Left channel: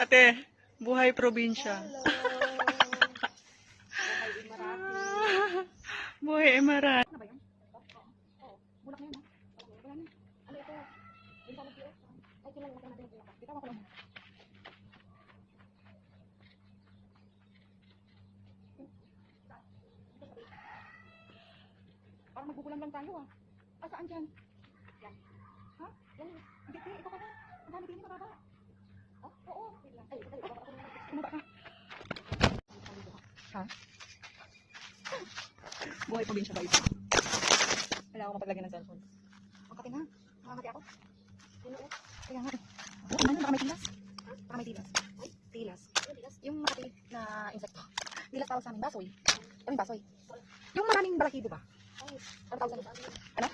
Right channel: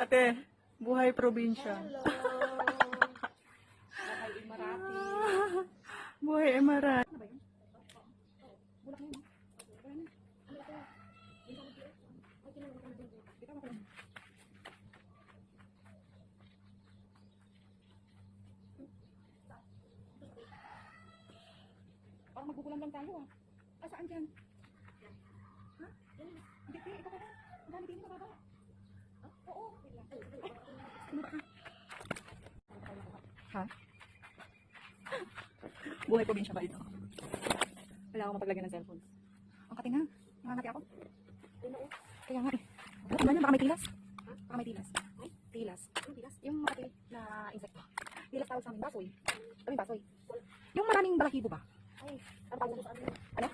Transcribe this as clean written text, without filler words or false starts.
Ate, buhay probinsya. Buhay Emirat. Parang magbubulan lang tayo ah. Saan dyan? Yan. Ha? Yan. Hindi ko ito ka ba? Ang dami din mababa. Ha? Oo. Ay, kumaba ka. Ha? Buhay probinsya ba ito? Kailangan ko mapaglagyan ng cellphone. Ang kati nga. Mangangati ako. Kaya nga eh. Ano na? Baka may tilas. Baka may tilas. Tilas. Yung makati na insekto. Tilas tawag sa amin. Basoy. Kaming basoy. Yung maraming balakibo ba? Ano tawag sa amin? Ano?